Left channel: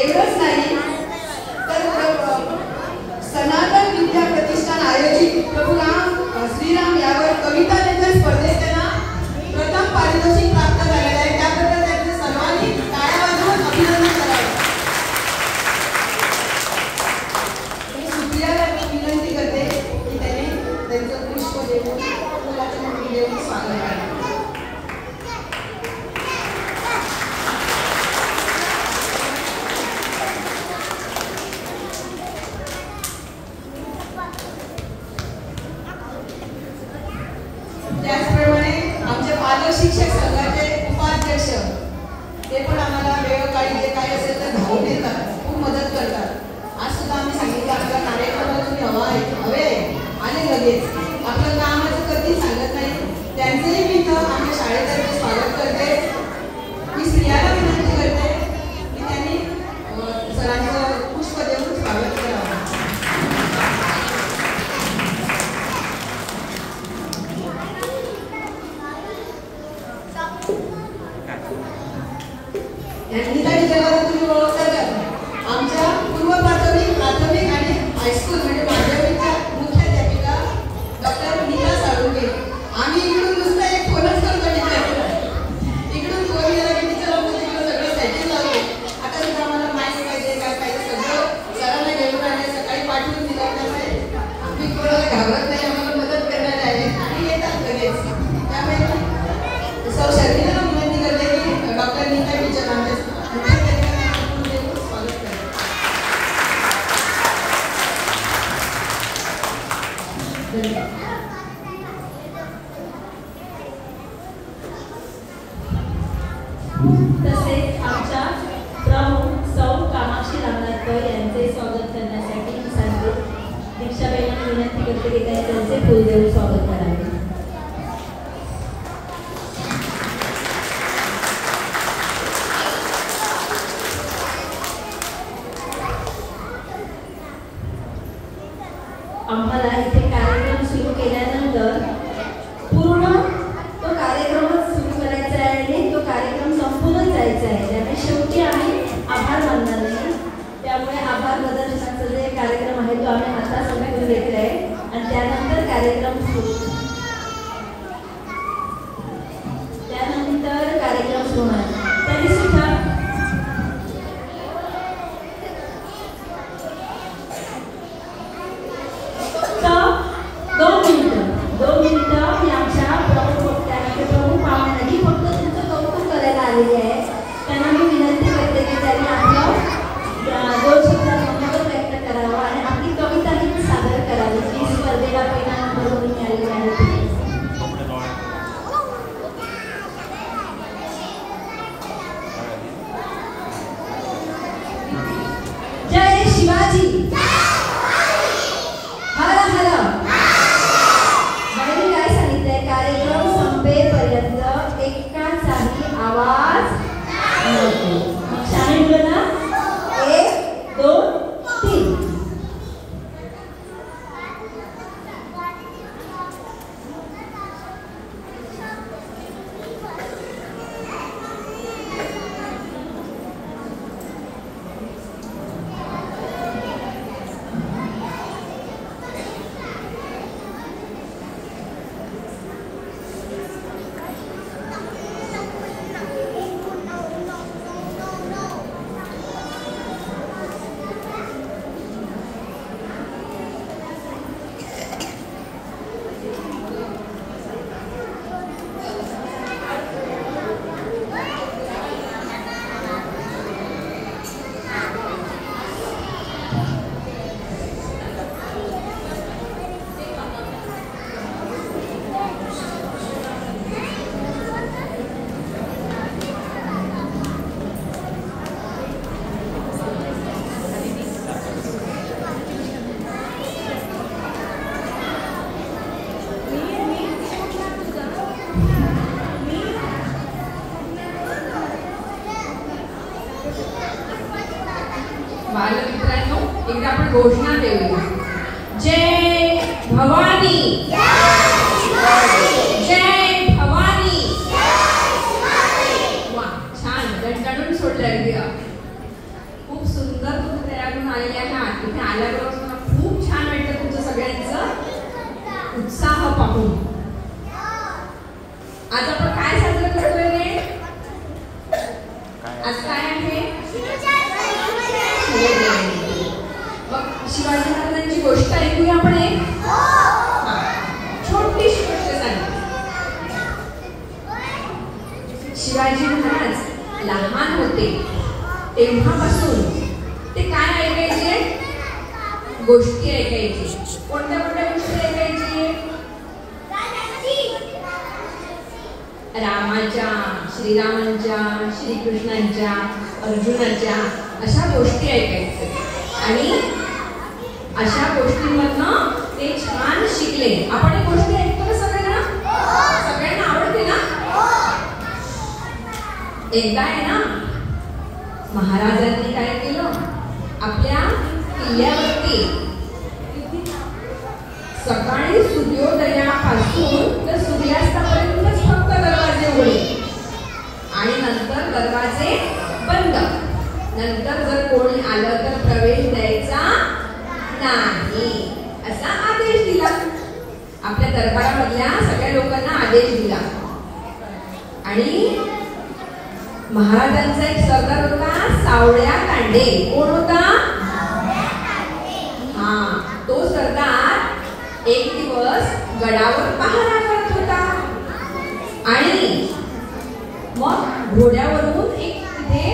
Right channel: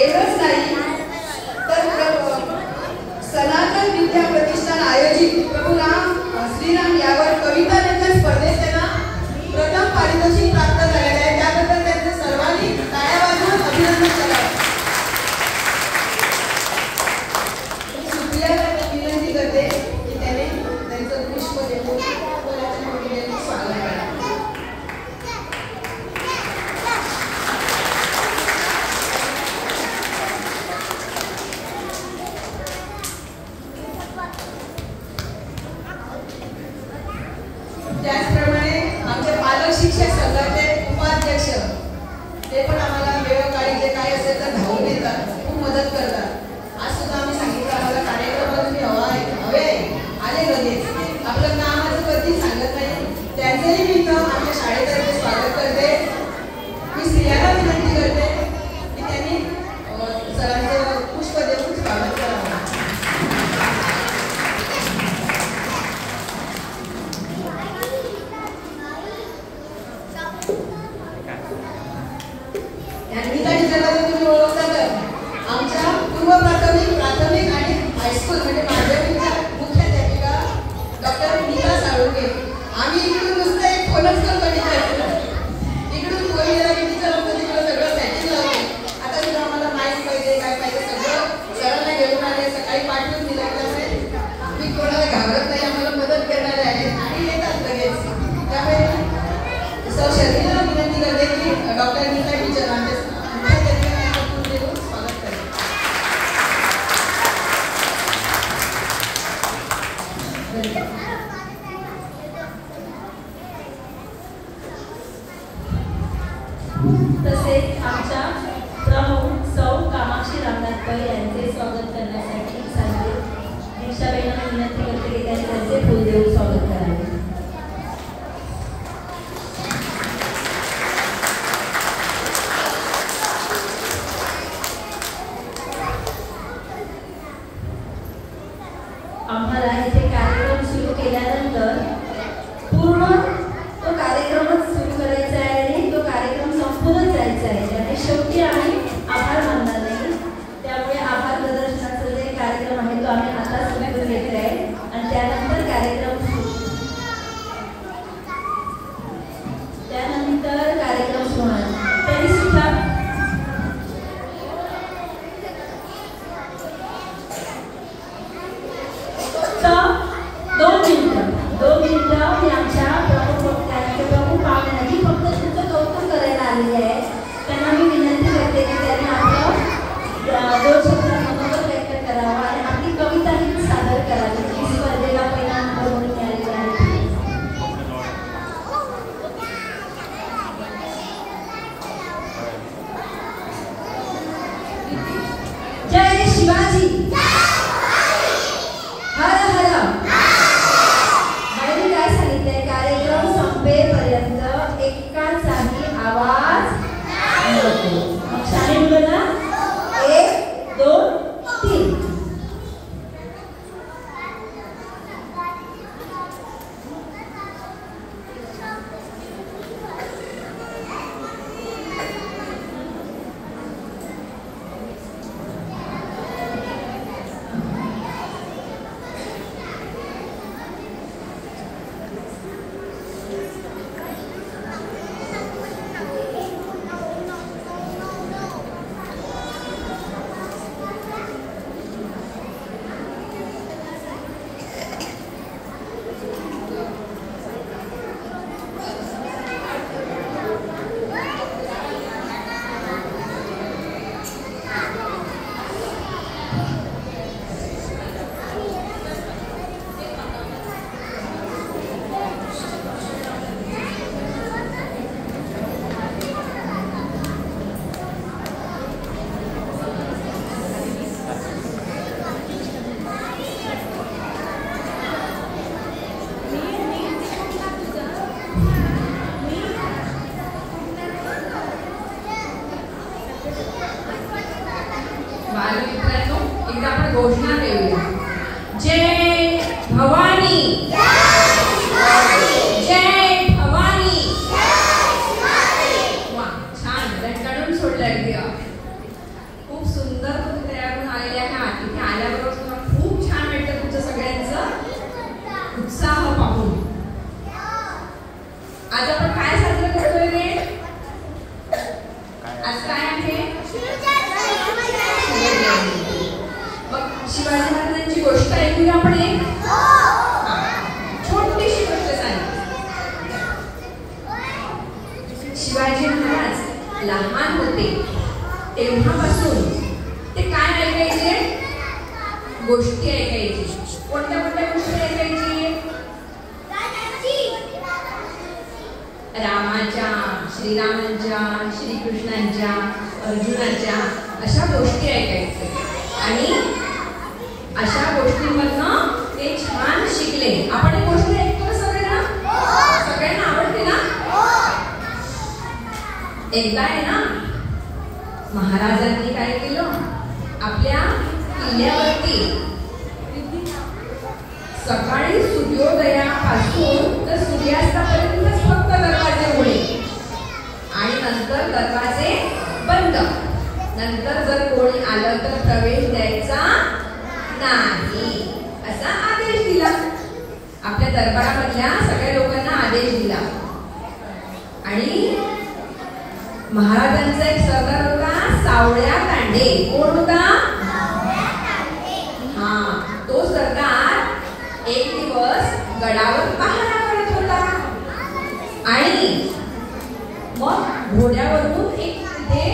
एवढंच नाही तर सनातन विद्या प्रतिष्ठान आयोजित प्रभू श्रीराम यावर कविता लेखन स्पर्धेत त्यांना प्रथम पारितोषिक प्राप्त झालेले आहे. त्याबद्दल त्यांचे सर्वांनी टाळ्या वाजवून अभिनंदन करावे. मी सुप्रियाला विनंती करते की त्याने त्यांचं पुष्प देऊन स्वागत करावे. त्याचप्रमाणे आमच्या पालक शिक्षक संघाचे उपाध्यक्ष ते पण आम्हाला वेळोकाळी जे काही असेल तर धावून येतात, खूप मदत करतात. आज सुद्धा आम्ही सांगितलं आपल्याला कार्यक्रमात तुम्ही हवे आणि लगेच आपलं कामाचं कधी सांगत नाही. त्यांचंही मी इथं आमच्या शाळेतर्फे स्वागत करते. मी स्त्रियाला विनंती करते की त्यांनी सरांचं पुष्प देऊन स्वागत करावं. गीता टीचरला तुम्ही ओळखता का? आमच्या पूर्व प्राथमिक आणि हायस्कूल म्हणजे माध्यमिकच्या मुख्याध्यापिका डॉक्टर नीता साळुंके. आम्ही इकडून नुसतं एक फोनच करतो टीचर, इकडून फोन केला की टीचर आपण तिकडं सगळं सेटिंग लावतो. आता जर आम्हाला माहिती पाहिजे काय पाहिजे सगळं सरांना घेऊन आले, सकाळी पाठवून दिलं असेल. आम्ही कोणाला घाबरत नाही, आम्हाला मदत करणारे आहेत आणि येतात लगेच. त्यामुळे सर शर्मिला विनंती करते की डॉक्टर नीता टीचर तसेच आमच्या प्रमुख सौ कामाक्षी रामनाथकर यांचे स्वागत करण्यासाठी सांगते. दीक्षाबाईंना विनंती करते की त्यांचे फुल देऊन स्वागत करावे. आम्हाला इथे कार्यक्रम सुरू केल्यानंतर पूर्ण तो कार्यक्रमच सुरू करायचा आहे आणि तो कार्यक्रम संपूर्ण जायचा आहे. त्याने शेवटी आम्ही आभार मानणार नाही. त्यामुळे आभार प्रदर्शनाचा जे कार्यक्रम आहे तो आम्ही आता सुरू घेत आहे आणि त्यानंतर कार्यक्रम सुरू होणार. तरी सुद्धा दोन मिनिटं मी आमच्या प्रमुख पाहुण्यांनी फक्त तुमचं कौतुक करायला आलेली आहे. त्यांना मी विनंती करते की त्यांनी आपलं 2 शब्दात मनोगत व्यक्त करावं आणि आपली कविताही सादर करावी जी स्पर्धेला पहिला नंबर म्हणून मिळालेली आहे. जय शिवाजी. एकदा आपण घोषणा देऊया. जय भवानी. जय भवानी. वा छान दणदणून सोडलं अगदी. खूप शिवाजी महाराजांची गोष्ट ऐकूया आपण एक छोटीशी गोष्ट सांगते. शिवाजी महाराज लहान होते तेव्हापासून ते काय ऐकायचे? गोष्टी ऐकायचे. कोणत्या कोणत्या गोष्टी ऐकायची? रामाच्या, श्रीरामांच्या, श्रीकृष्णांच्या, अर्जुनाच्या अशा गोष्टी ऐकायचे. आणि अशा गोष्टींमधनं ते छान शिकले. आपण गोष्टी ऐकतो सगळ्यांना? सगळ्यांना आवडते ना? एकदा आहे ना महाराजांनी काय केलं? आपल्या किल्ल्यावरती सकाळी सूर्योदयापासून तर सूर्यास्तापर्यंत फक्त दरवाजे उघडले आणि नंतर दरवाजे बंद. नंतर जर कोणी आलं तर प्रवेश द्यायचा नाही असा आदेश दिला. आपल्या दरबारामधल्या सगळ्या लोकांना आदेश दिला. आणि महाराजांचा एक सरदार होता सावळ्या कांडे. कोण होता? हा, तो सरदार एक दिवस गडावर पहारा करत होता. आणि मग घोड्यावरून एक तिथे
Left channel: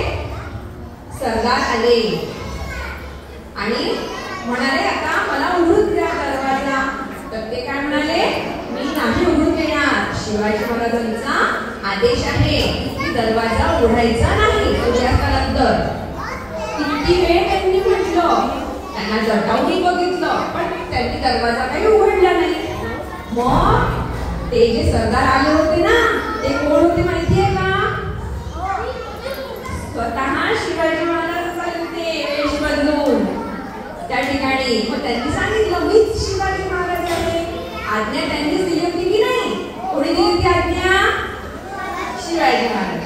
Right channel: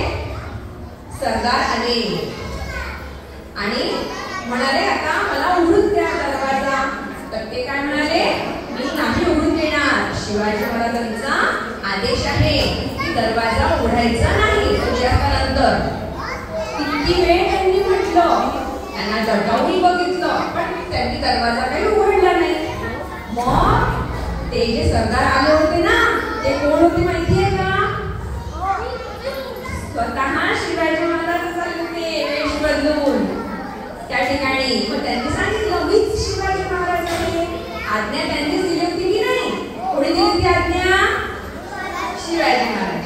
सरदार आले आणि म्हणाले आता मला उघडून द्या दरवाजा. तर ते काय म्हणाले? मी नाही उघडून देणार. शिवाजी महाराजांचा आदेश आहे की दरवाजा उघडायचा नाही सूर्यास्तानंतर. किती वेळ त्यांनी म्हटलं, त्यांना जटावही बघितलं पण त्यांनी दरवाजा काही उघडला नाही. मग ते जे सरदार आले होते ना ते कोण होते माहितीये का? स्वतः शिवाजी महाराज आले होते वेश बदलून त्या ठिकाणी. मग त्यांनी सांगितलं मीच शिवाजी महाराज आहे. आज्ञा त्यांनीच दिली होती की नाही? कोणी दिली होती आज्ञा? शिवाजी महाराज.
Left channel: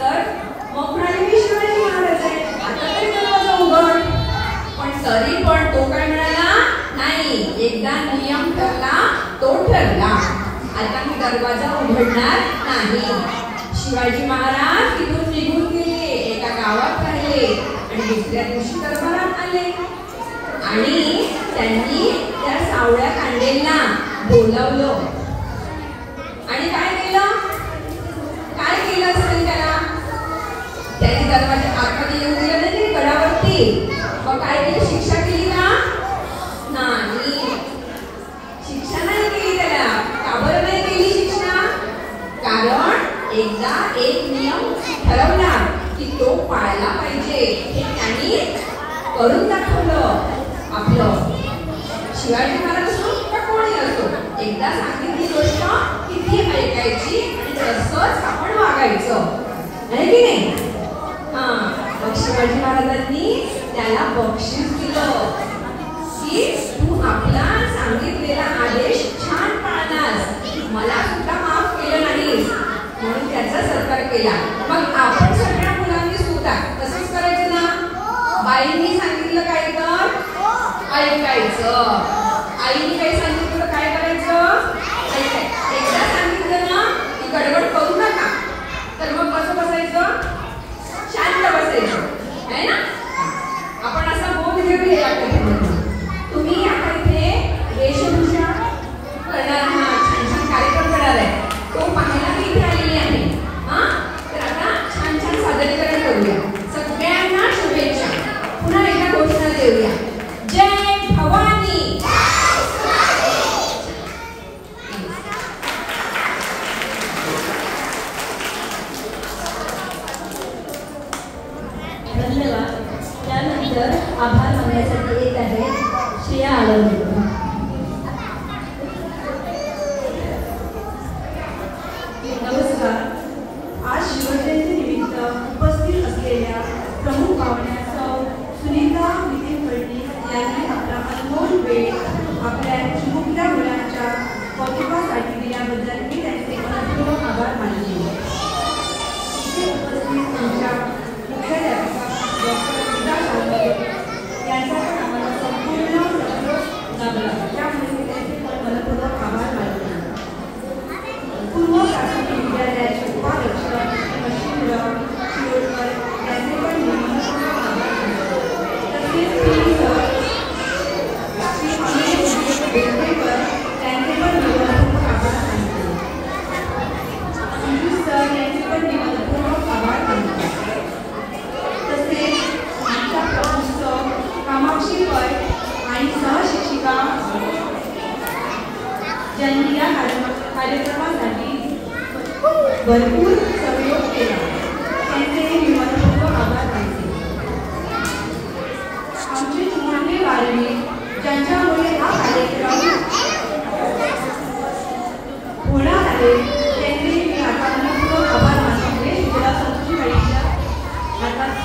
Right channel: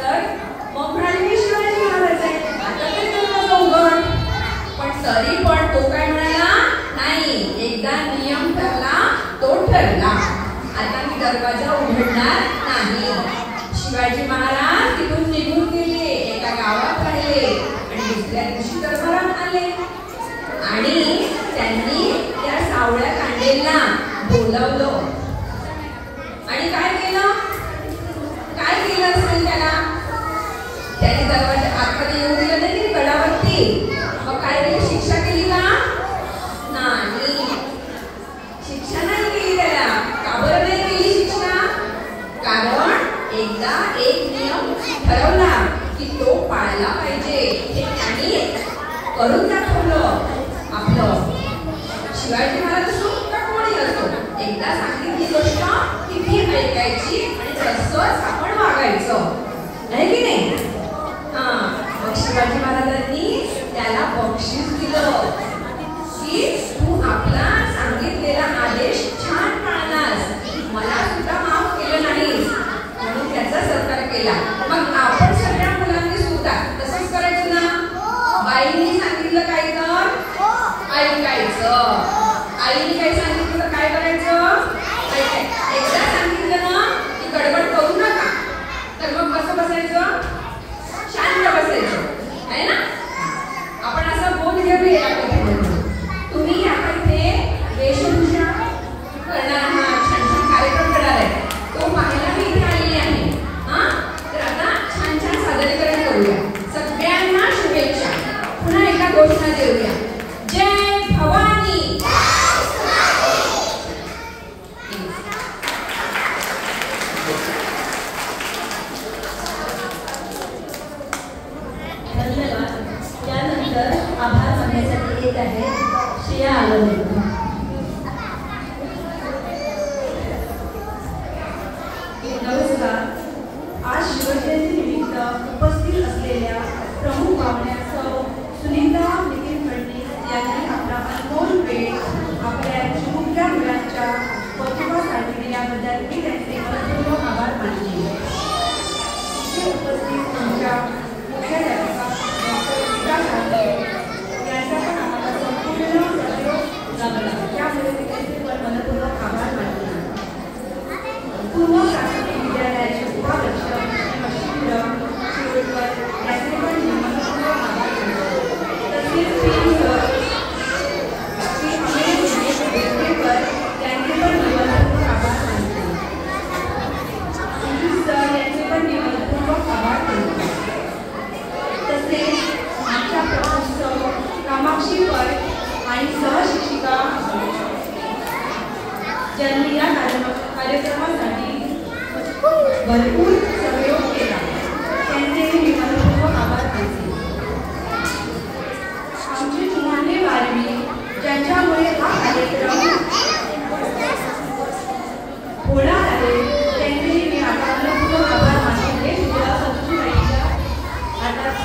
तर मग म्हणाले मी शिवाजी महाराज आहे, आता तरी दरवाजा उघड. पण तरी पण तो काय म्हणाला? नाही, एकदा नियम ठरला तो ठरला, आता मी दरवाजा उघडणार नाही. शिवाजी महाराज तिथून निघून गेले, एका गावात राहिले आणि दुसऱ्या दिवशी दरबारात आले. आणि त्यांनी त्या सावळ्या कांडेंना बोलावलं आणि काय केलं? काय केलं असेल त्याला? त्याने दरवाजा आतमध्ये येऊन दिलं नाही गडावरती. मग काय केली? शिक्षा केली का? नाही, शिक्षा नाही केली त्याला. का बरं नाही केली शिक्षा? कारण एकदा एक नियम ठरवला की तो पाळला पाहिजे हे त्यांनी करून दाखवलं. आपलं शिवाजी महाराज असो का कोणी असो, एकदा सांगितली गोष्ट किती ऐकायची आणि तसंच आपण वागायचं, आहे की नाही? मग शिवाजी महाराजांनी त्याला बक्षीस दिलं की तू आपला सांगितलेला आदेश छान पाळलास, मला सुद्धा माफ केलं नाहीस म्हणून त्याचा सत्कार केला. मग आपण सगळ्या मुलांनी सुद्धा तसंच करायचं ना? बाईंनी सांगितलं काय तर ऐकायचं. आईने काही सांगितलं तर काय करायचं? ऐकायचं. एकदा सांगितलं ना की गडबड करू नका, तर मग कसं बसायचं? शांत बसायचं, आहे ना? आपण असा बोध घेऊया. तुम्ही आता इथे वेशभूषा करणार आहात, छान छान कार्यक्रम करणार आहे, तो पाहायला मी इथे आलेली आहे. तर आता छान छान सादरीकरण करूया. सगळ्यांना शुभेच्छा. पुन्हा एकदा घोषणा देऊया. जय भवानी. धन्यवाद. त्यानंतर आभार मानण्यासाठी येत आहे श्रेया आलवले. नमस्कार. आज शिवजयंती निमित्त उपस्थित असलेल्या प्रमुख पाहुण्या सौ सुनीता निखिल फडणीस यांनी आपला अनमोल वेळ आपल्या चिमुकल्या मुलांच्या कौतुकासाठी दिल्याबद्दल मी त्यांचे मनपूर्वक आभार मानते. इथे उपस्थित आमच्या मुख्याध्यापिका डॉक्टर गीता साळुंखे यांचा पण आम्हाला संपूर्ण सहयोग लाभला. भरपूर सहयोग केला, त्यांचे मी मनपूर्वक आभार मानते. आमची तुम्हाला बारवी ज्यांच्यामुळे हा कार्यक्रम होणार आहे त्यांचे मी मनपूर्वक आभार मानते. तुला संतोषी वहिनीच्या हातात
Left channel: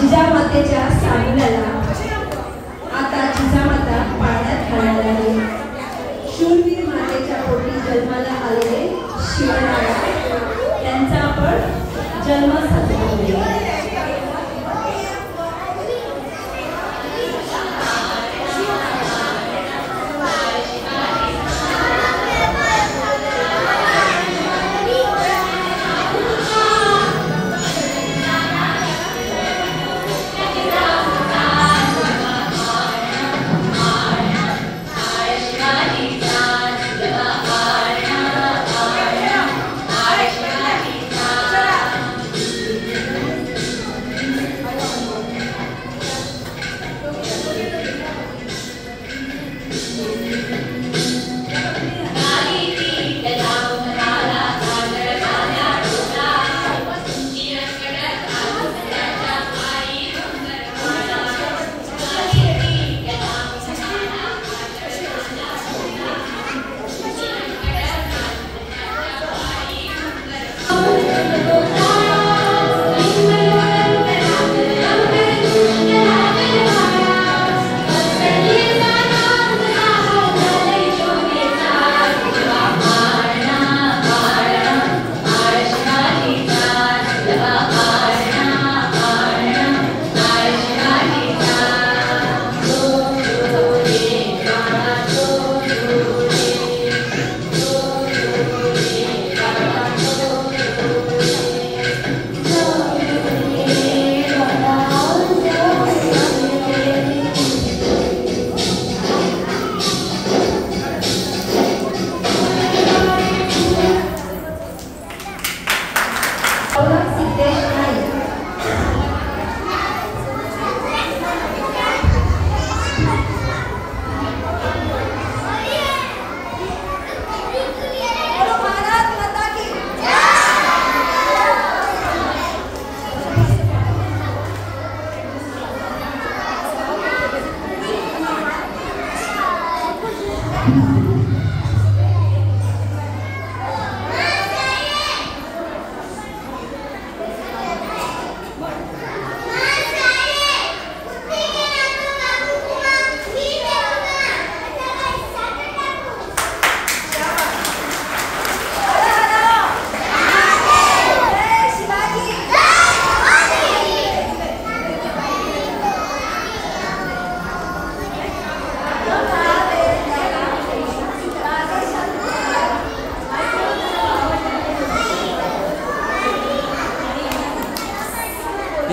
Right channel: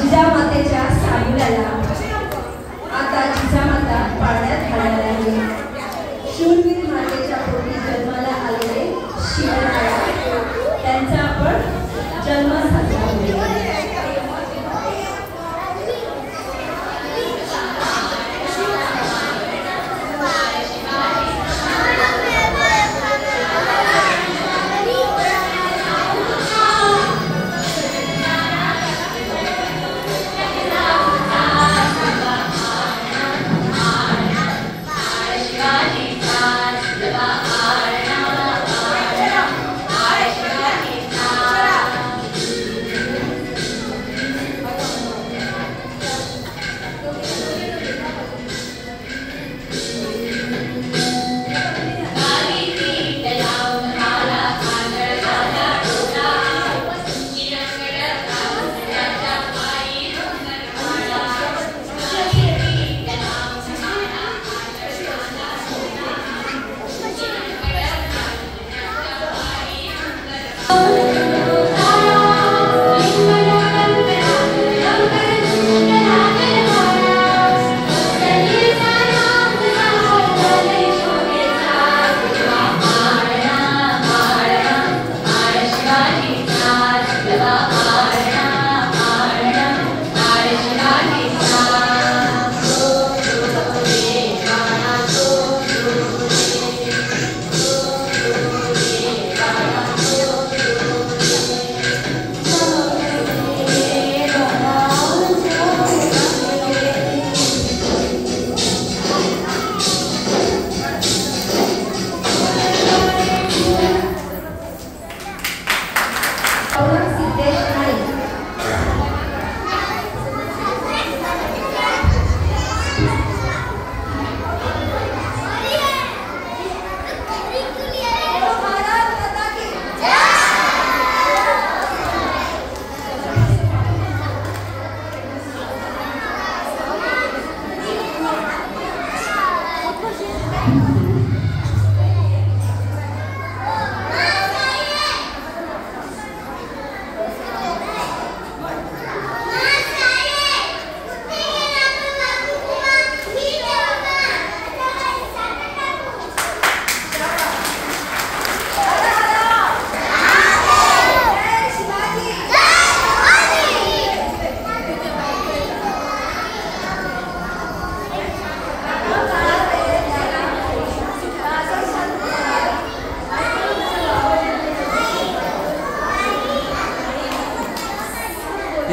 जिजामातेच्या सानुल्याला आता जिजामाता पाळण्यात घालणार आहे. शूरवीर मातेच्या पोटी जन्माला आलेले शिवराया त्यांचा आपण जन्म साजरा करूया.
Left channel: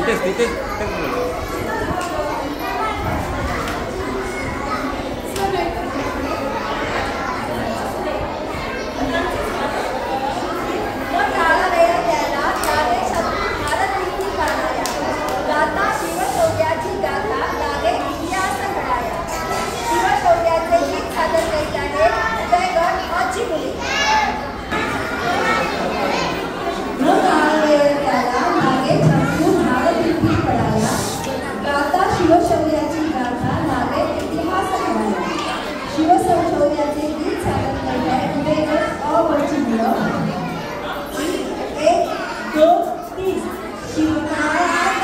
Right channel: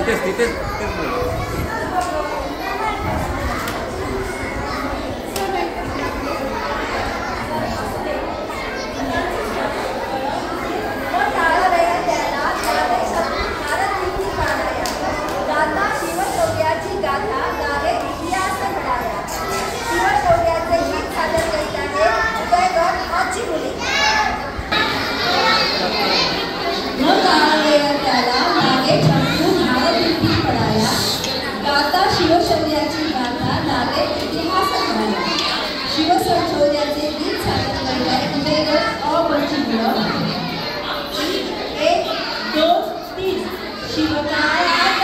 तिथेच तिथेच तिथेच बोल. शिवशौर्याची गाथा गावे इतिहास घडाया. शिवशौर्याचे गीत सादर करीत आहे उदयगड आची मुली. न काळवेळ त्याला मागे शत्रू भारतीर्थी पडाया. गाता शिवशौर्याची गाथा गावे इतिहास घडाया. शिवशौर्याचे गीत सादर करीत आहे उदयगड अवची मुलं. 1 2 3 शिवकाळात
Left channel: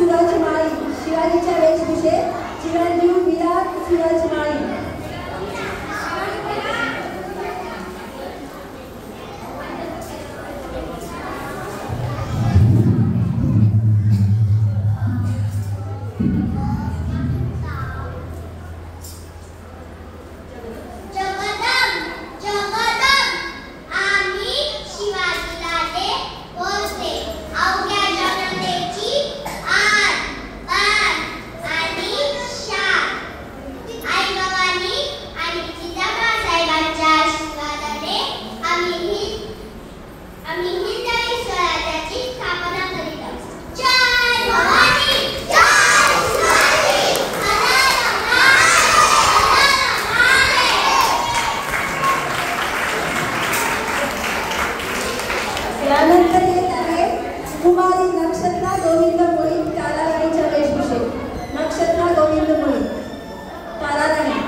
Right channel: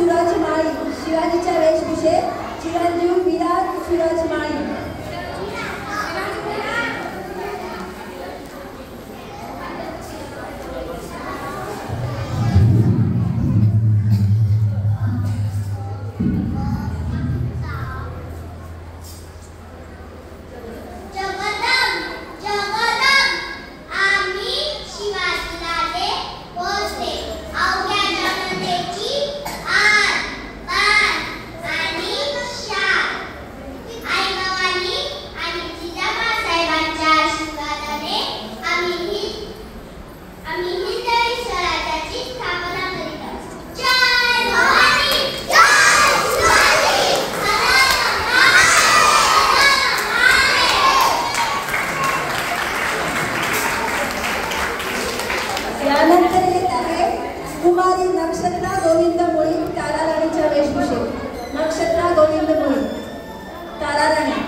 सूरज माळी शिवाजीच्या वेशभूषेत चिरंजीव विराट सूरज माळी. यानंतर येत आहे कुमारी नक्षत्रा गोविंद मुळी ताराराणीच्या वेशभूषेत. नक्षत्रा गोविंद मुळी ताराराणी.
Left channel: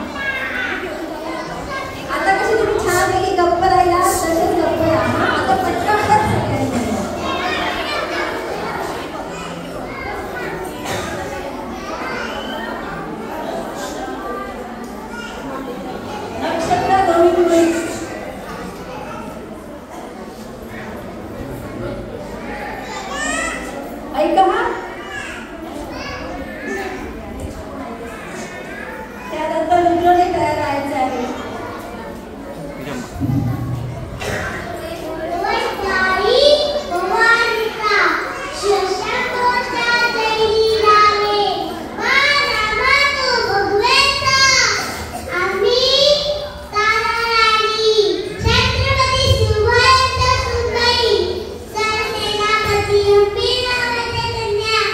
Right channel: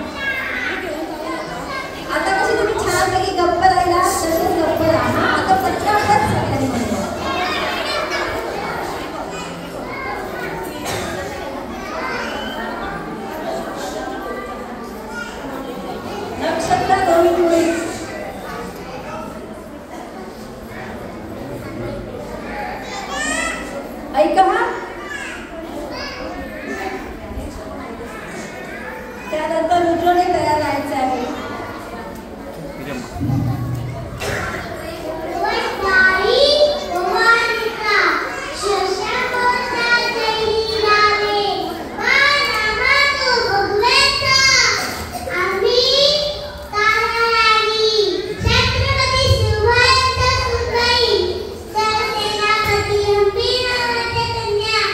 आता कशी तुम्ही छानपैकी गप्प राहिला तसेच गप्प राहा. आता पटकन सगळ्यांनी नक्षत्रा गोविंद मुळी. ऐका हा. त्यानंतर रुद्रने तयार राहायचं आहे. Pina,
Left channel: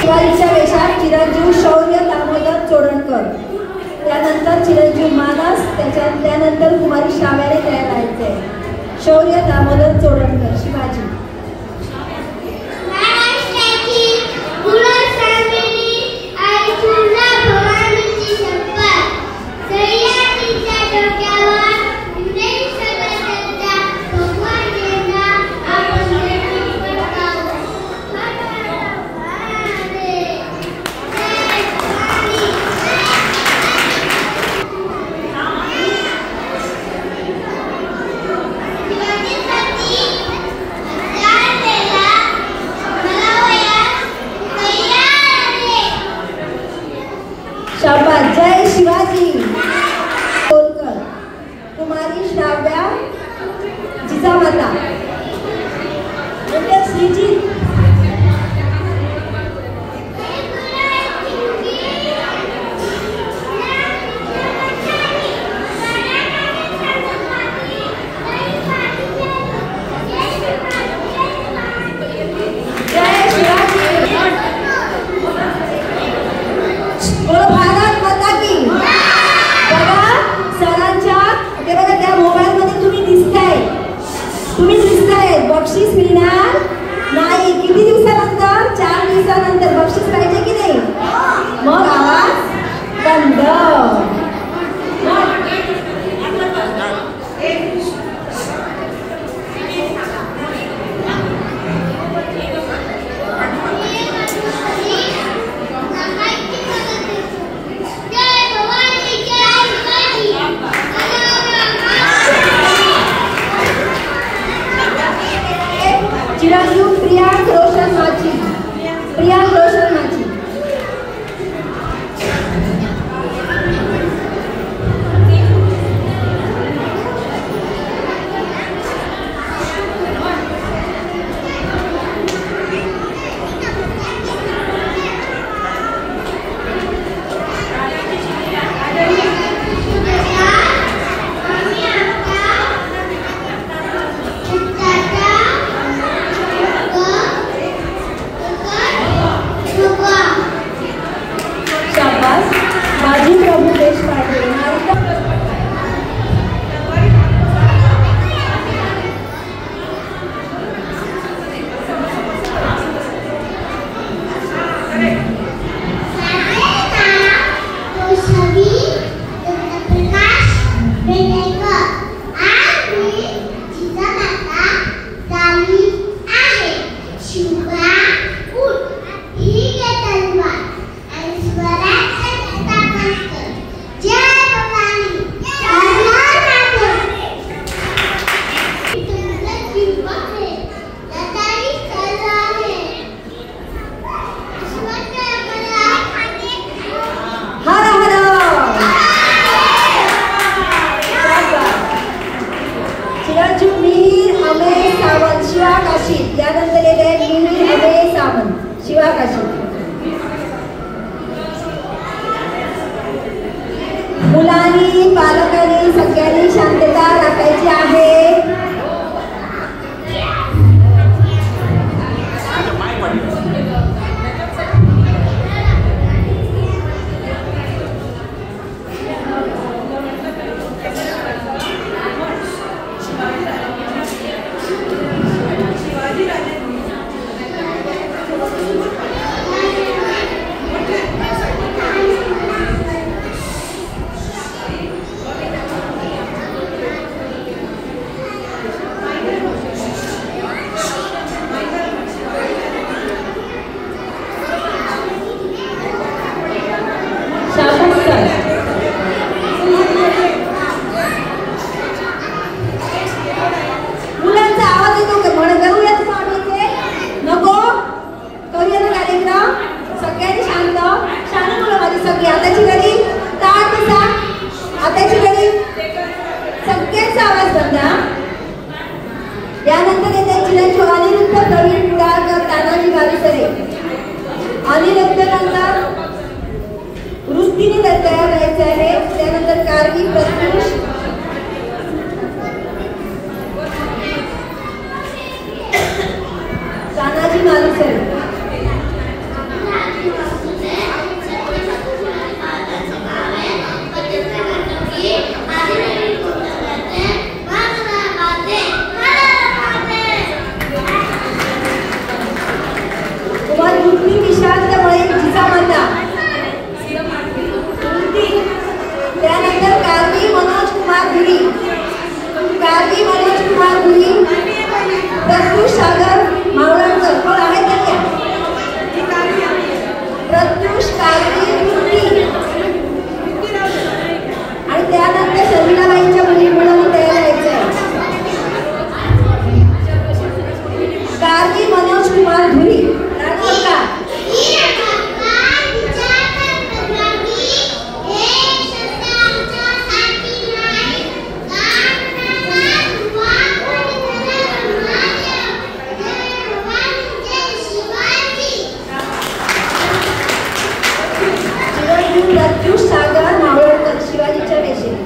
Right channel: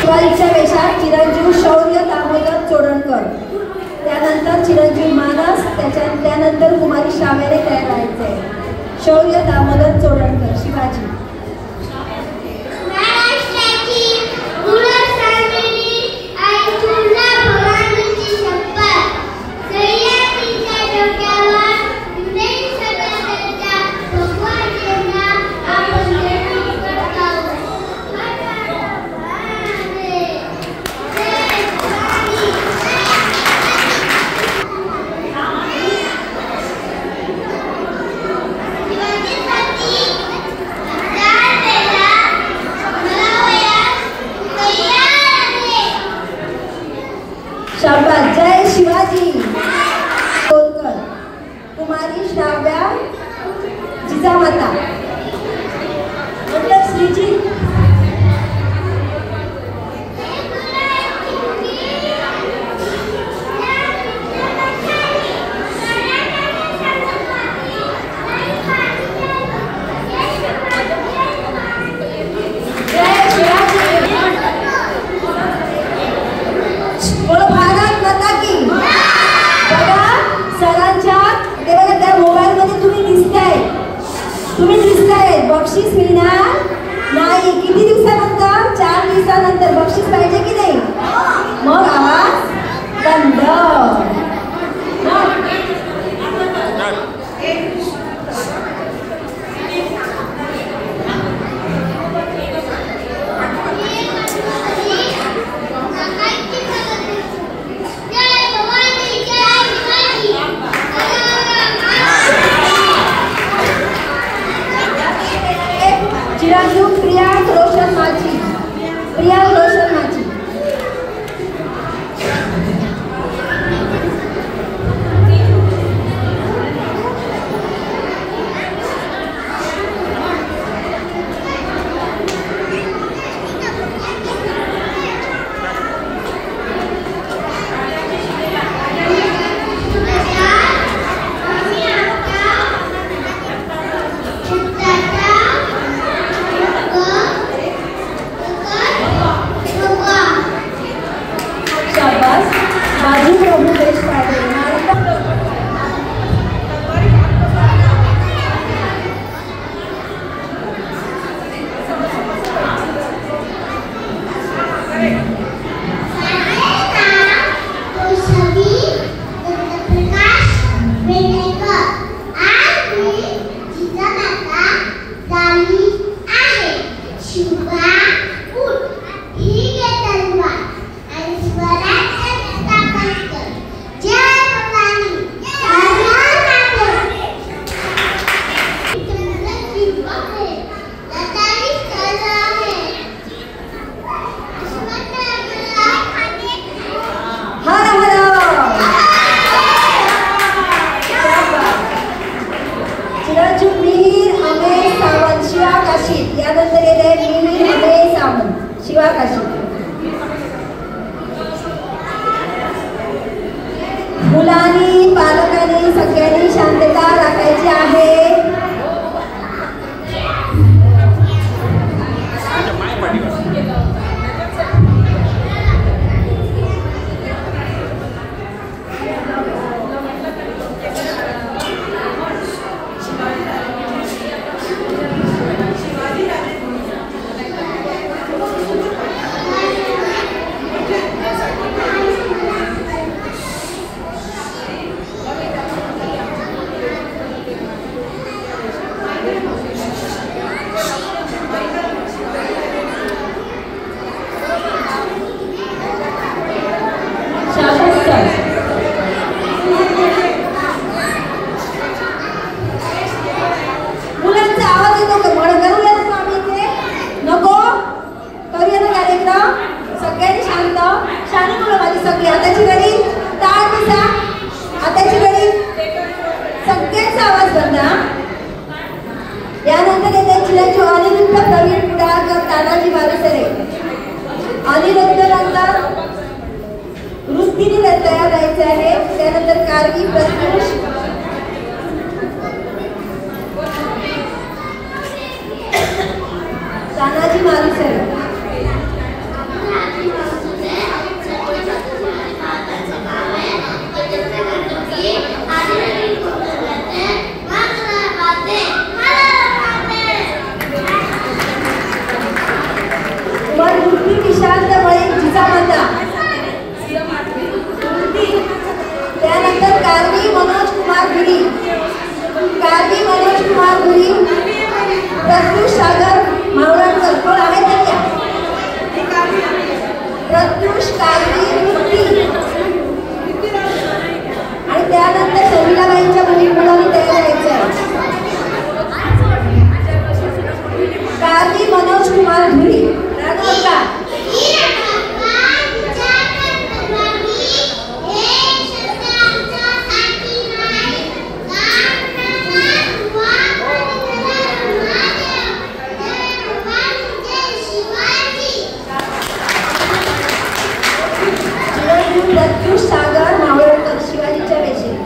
शिवाजीच्या वेशात चिरंजीव शौर्य दामोदर चोरणकर, त्यानंतर चिरंजीव मानस, त्यानंतर कुमारी शावेरे तयार व्हायचे. शौर्य दामोदर चोरणकर शिवाजी. जय शिवाजी. कुमारी श्राव्या जिजामाता. श्रीजी बक्षीस मिळणार नाही. किती दिवसानंतर? 4 दिवसानंतर बक्षीस पाहिजे की नाही? मग आवाज बंद. चिरंजीव प्रियांक रोशन माझी. प्रियांक रोशन माझी. बाजी प्रभू देशपांडे. यानंतर येत आहे मिहिर अमेय सावंत शिवा काशी. मुलांनी पालकांनी सगळ्यांनी शांतता राखायची आहे. स्पर्धा. यानंतर येते चिरंजीव अनिरुद्ध प्रवीण कुडाळकर तानाजी मारुसरे. अनिरुद्धनंतर वृत्तीने तयार राहायचे आहे. त्यानंतर कारवी प्रत्युष तानाजी मारुसरे. त्यानंतर कारवी मनोज कुमार गिरी. कारवी मनोज कुमार गिरी. प्रत्युष सागर मावळणकर. कोण आहे त्या? प्रत्युष कारवी वृत्ती. आणि त्यानंतर शर्मिलाबाईंच्या मुलांनी तयार व्हायचं आहे. कारवी मनोज कुमार गिरी. प्रत्युष सागर मावळकर शिवाजीच्या वेशेत.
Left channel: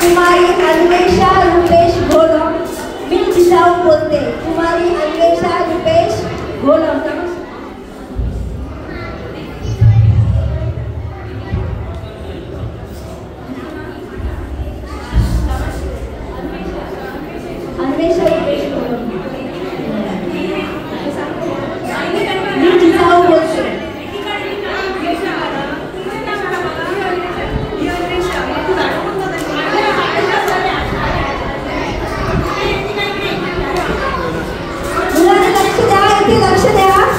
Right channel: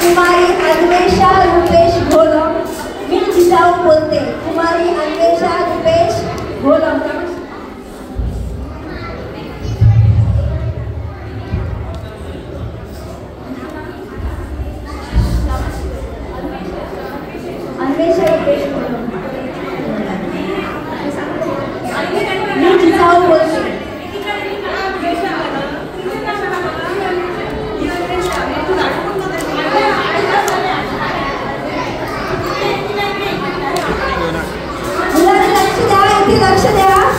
कुमारी अन्वेषा रुपेश घोलम. मी जिजाऊ बोलते. कुमारी अन्वेषा रुपेश घोलम. अन्वेषा रुपेश घोलम. मी जिजाऊ बोलते. लक्ष द्या.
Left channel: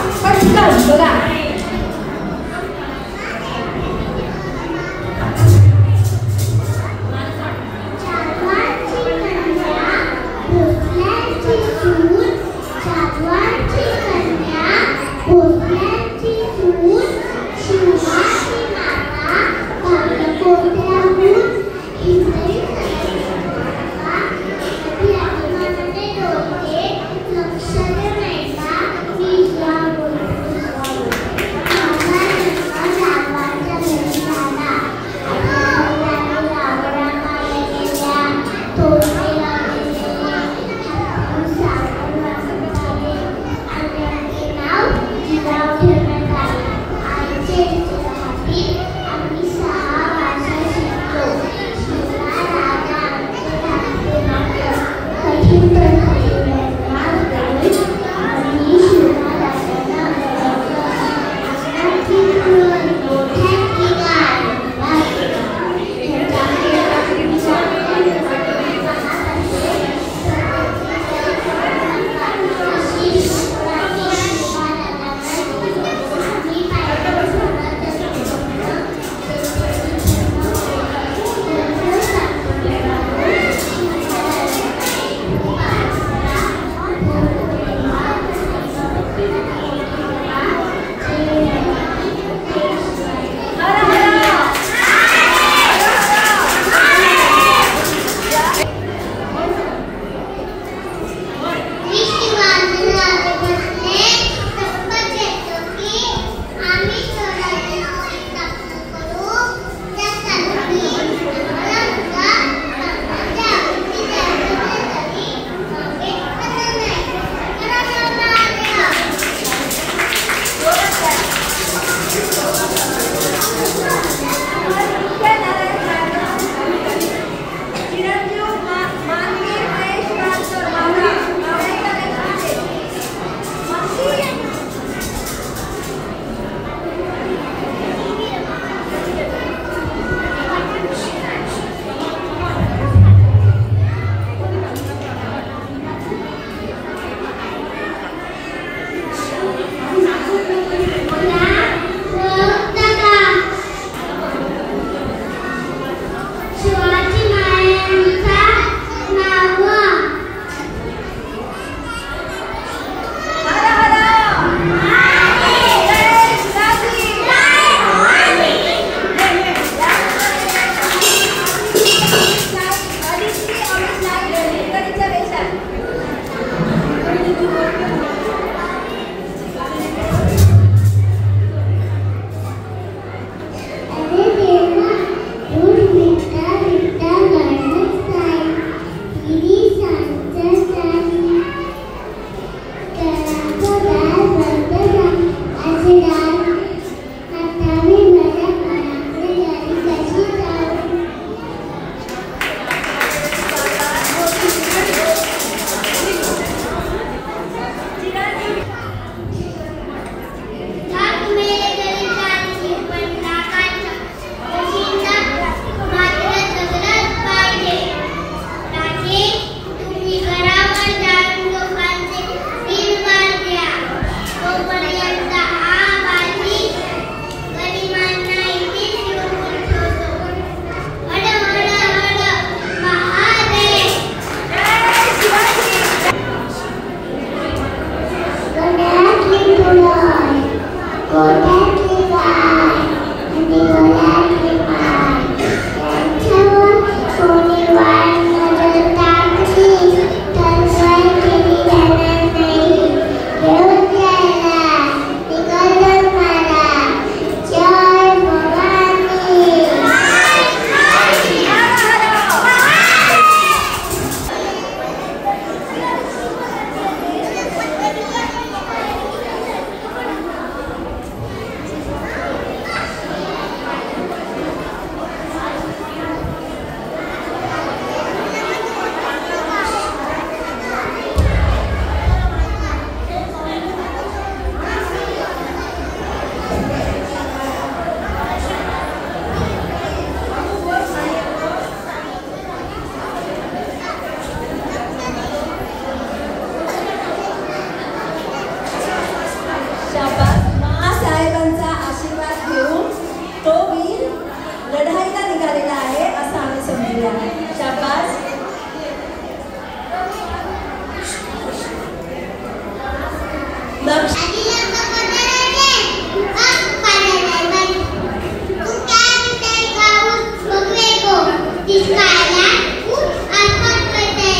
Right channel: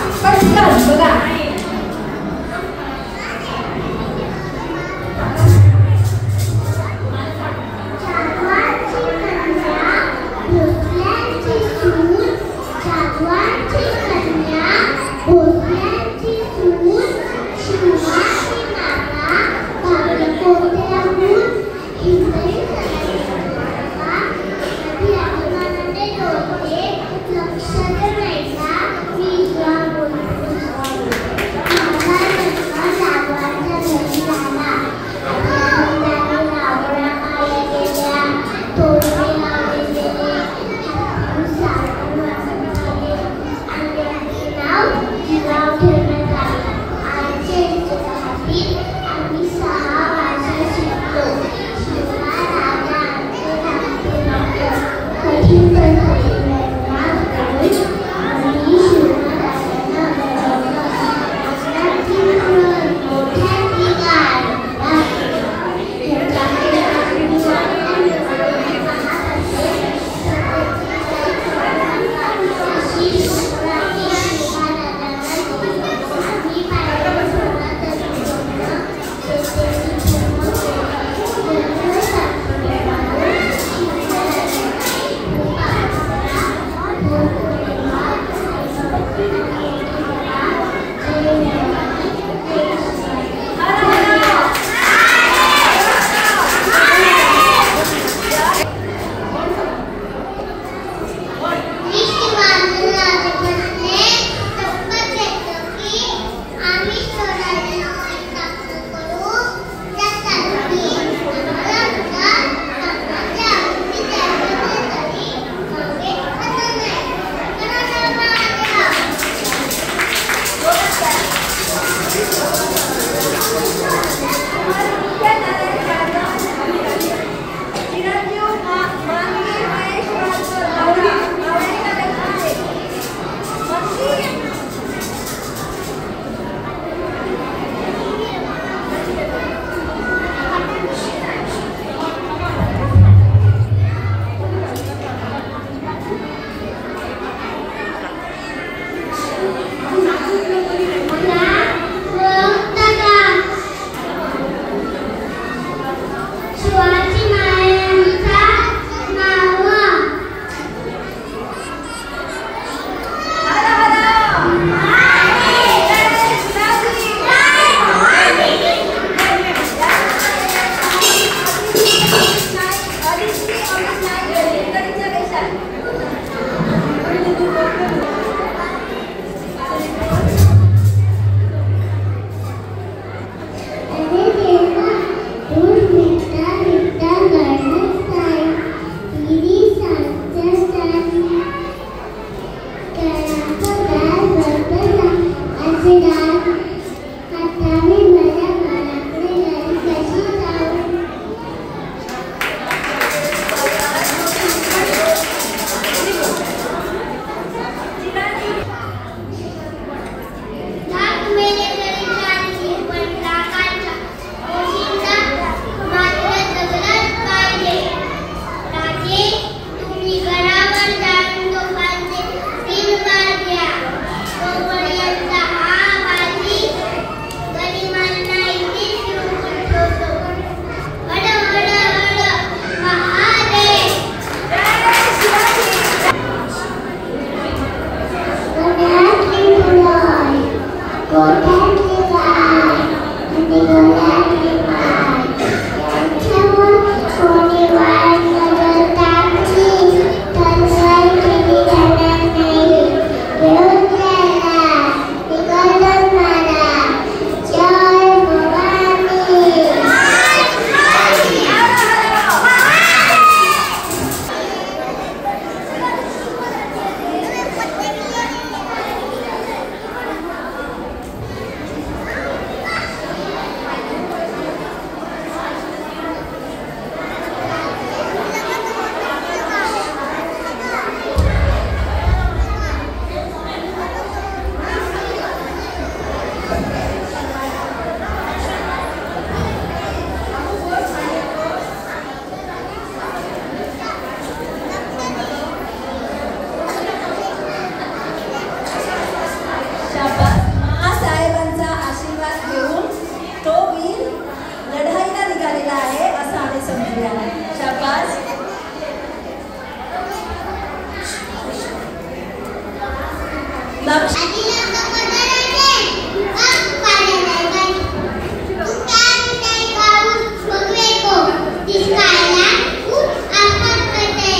दिसकायला खूप आसपास करते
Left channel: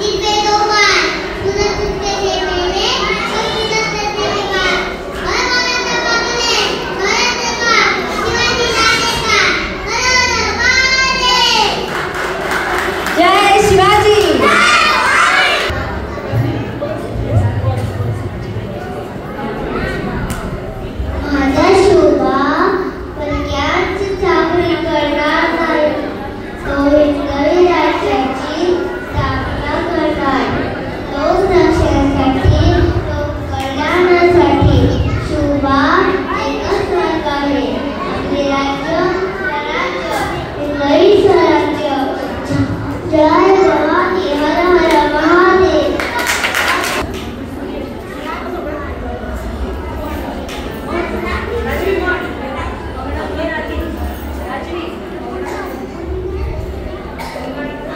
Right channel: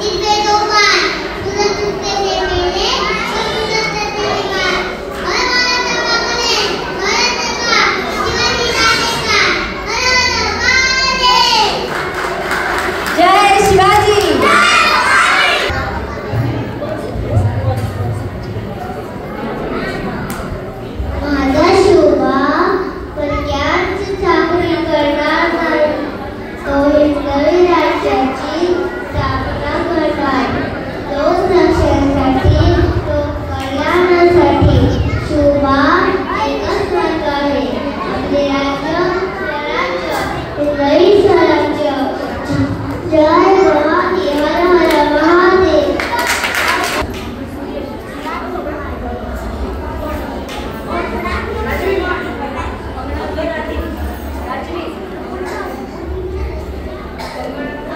तिथे दोघां तुझं तुझे नेलेले तुझं तुझे का मला तर बघले मला तर का शिवाजी राजे का जय शिवाजी. माझा शोभा प्रत्याच चाकरी करणार नाही तो इतकरी राज्याची स्थापना करणार लोकरक्षणासाठी लोककल्याणासाठी शोभा एकच मार्ग आहे आपले राज्य स्वराज्य हिंदवी स्वराज्य. जय भवानी हर हर महादेव.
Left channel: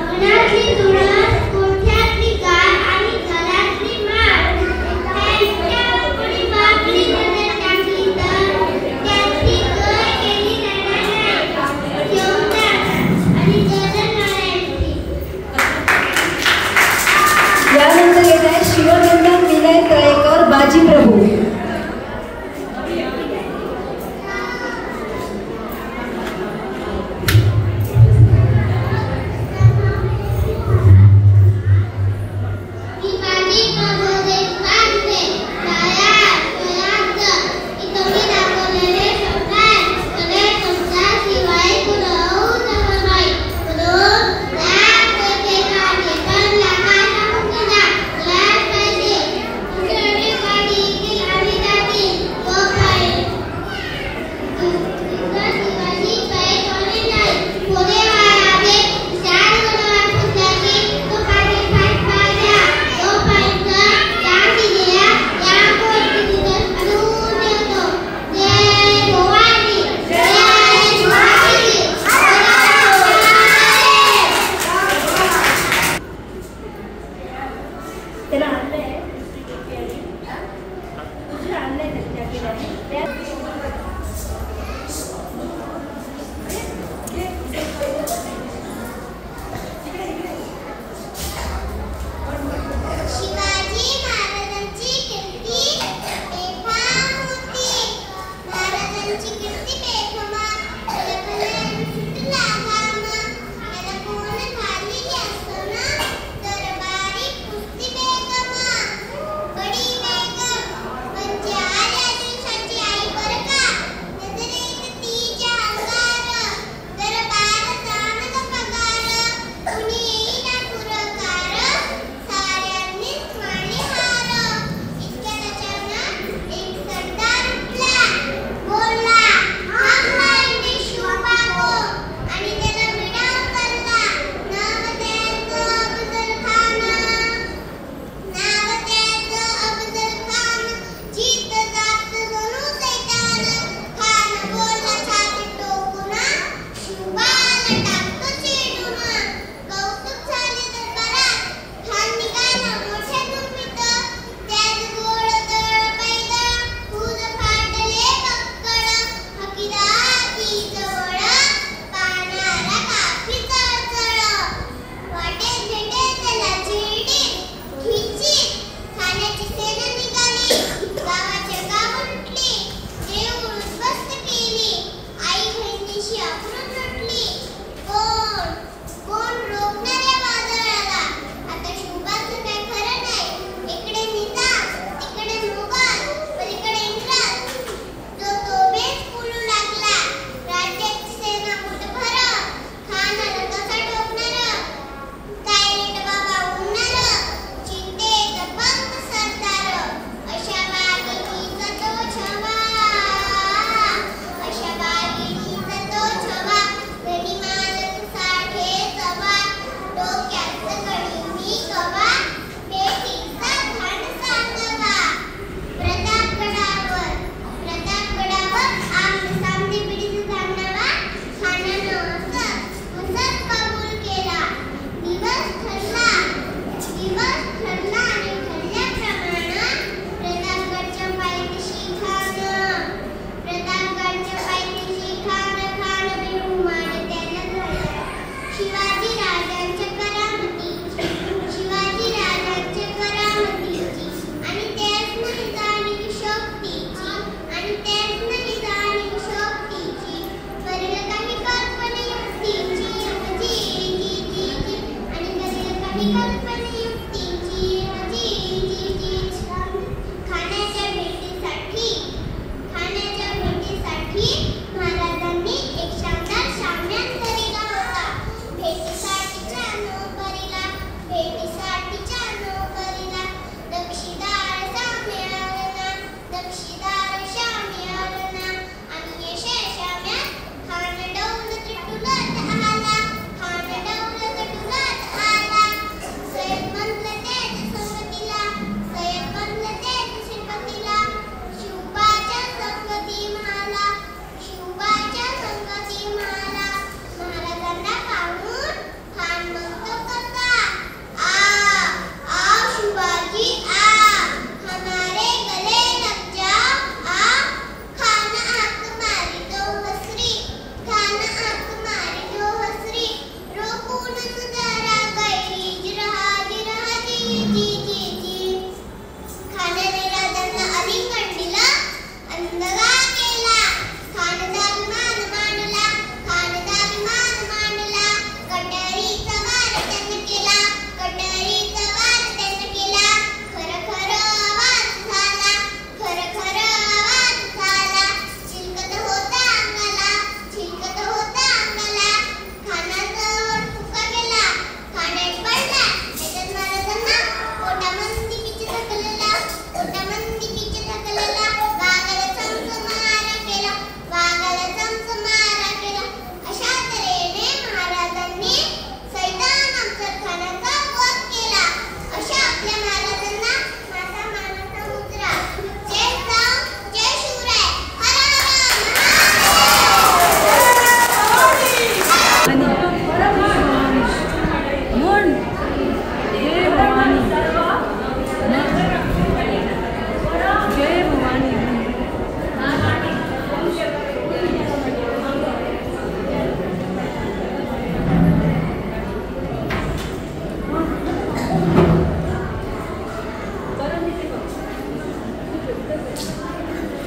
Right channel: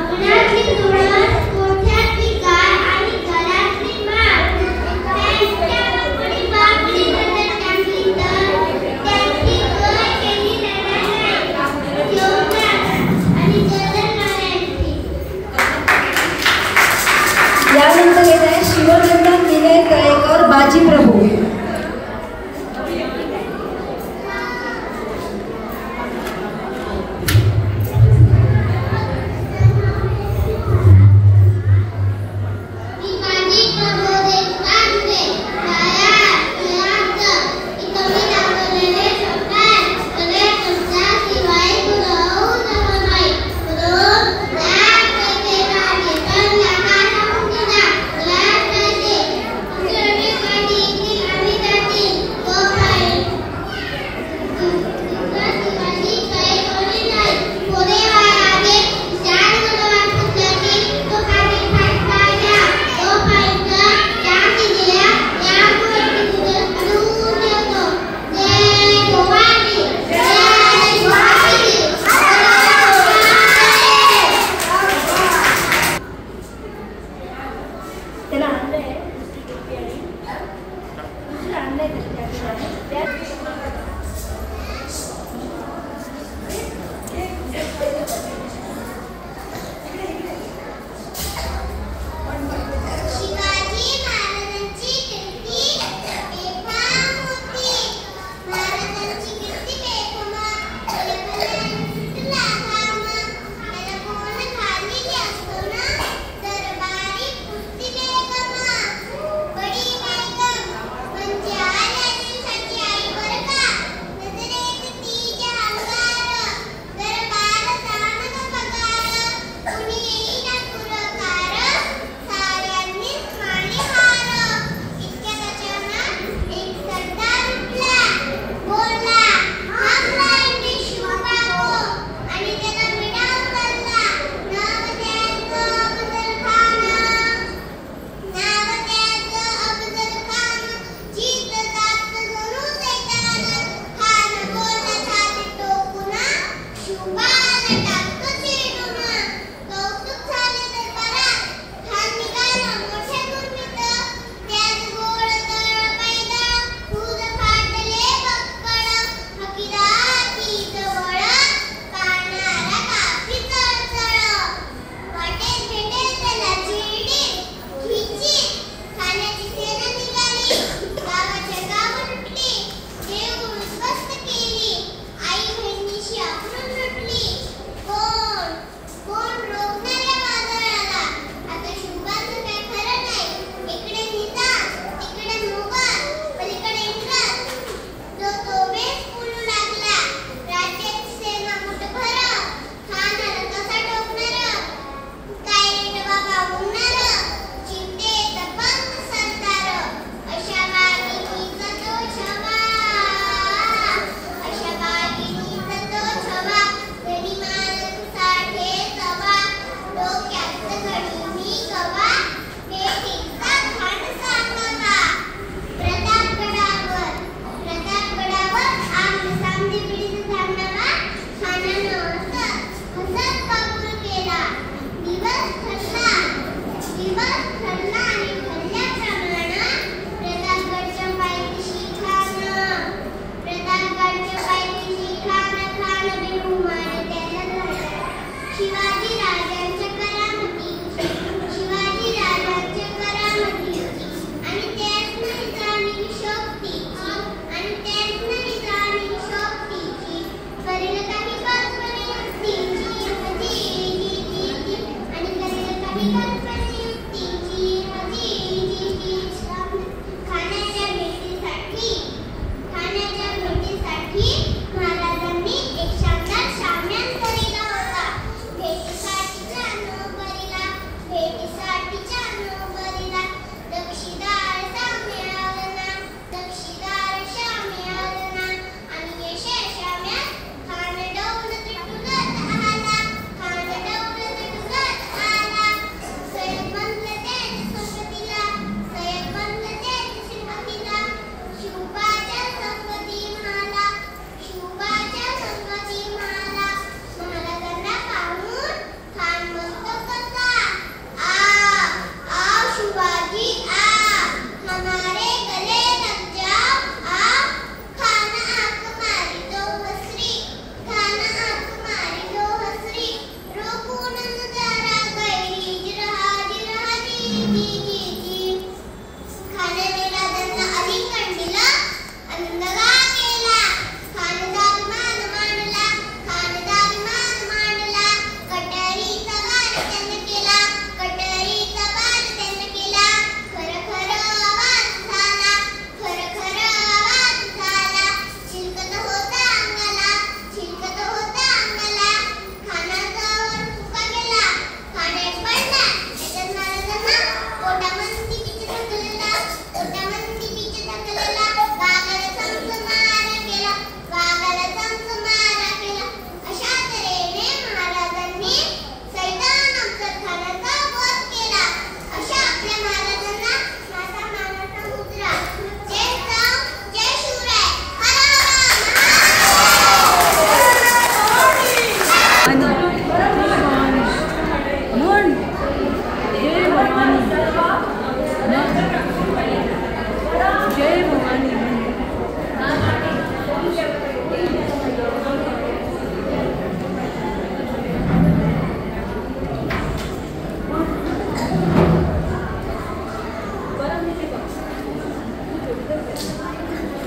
अंगणातली तुळस कोठ्यातली गाय आणि घरातली माळ त्यांच्या उपरी बाकडी मध्ये टाकली तर त्यांची सोय केली जाणार नाही. जेवणात आणि गजरनाळ्यांची. यानंतर येत आहे शिवनंदन विनय तळेकर बाजीप्रभू. विवादी प्रबोधित सांगते दया दयाच इतमी दाखवलेले शब्दात सगळे तुमच्या शिवाय कुणीही जमत नाही. म्हणून लाज पाहिजे गाडी तर लागायला मुक्तीला लाज पाहिजे. इंग्रजी गाडी येथील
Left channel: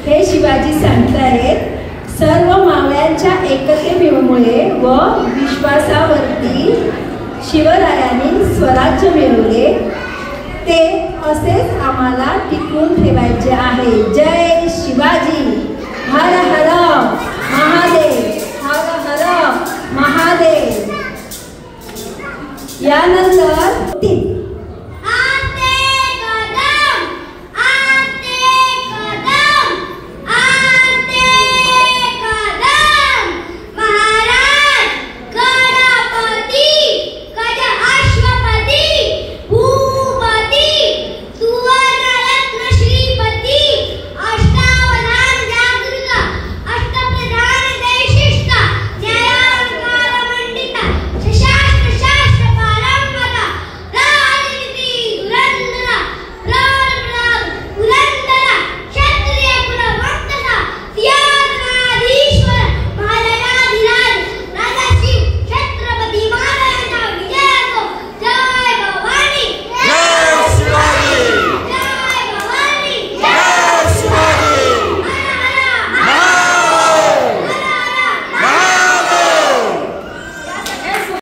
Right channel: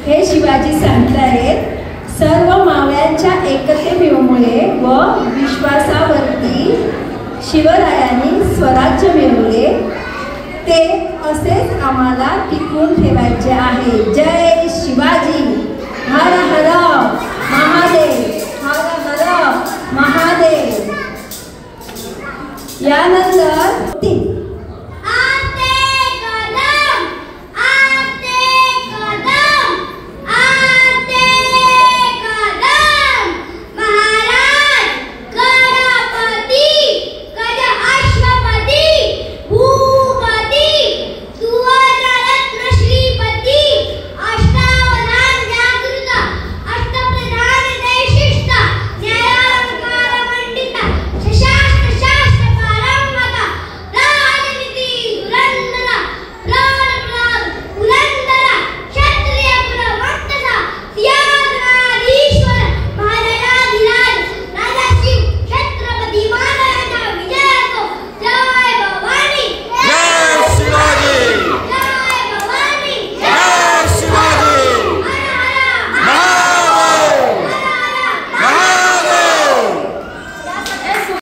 हे शिवाजी सांगतायत, सर्व मावळ्यांच्या एकतेमुळे व विश्वासावरती शिवरायांनी स्वराज्य मिळवले, ते असेच आम्हाला टिकवून ठेवायचे आहे. जय शिवाजी. हर हर महादेव, हर हर महादेव. यानंतर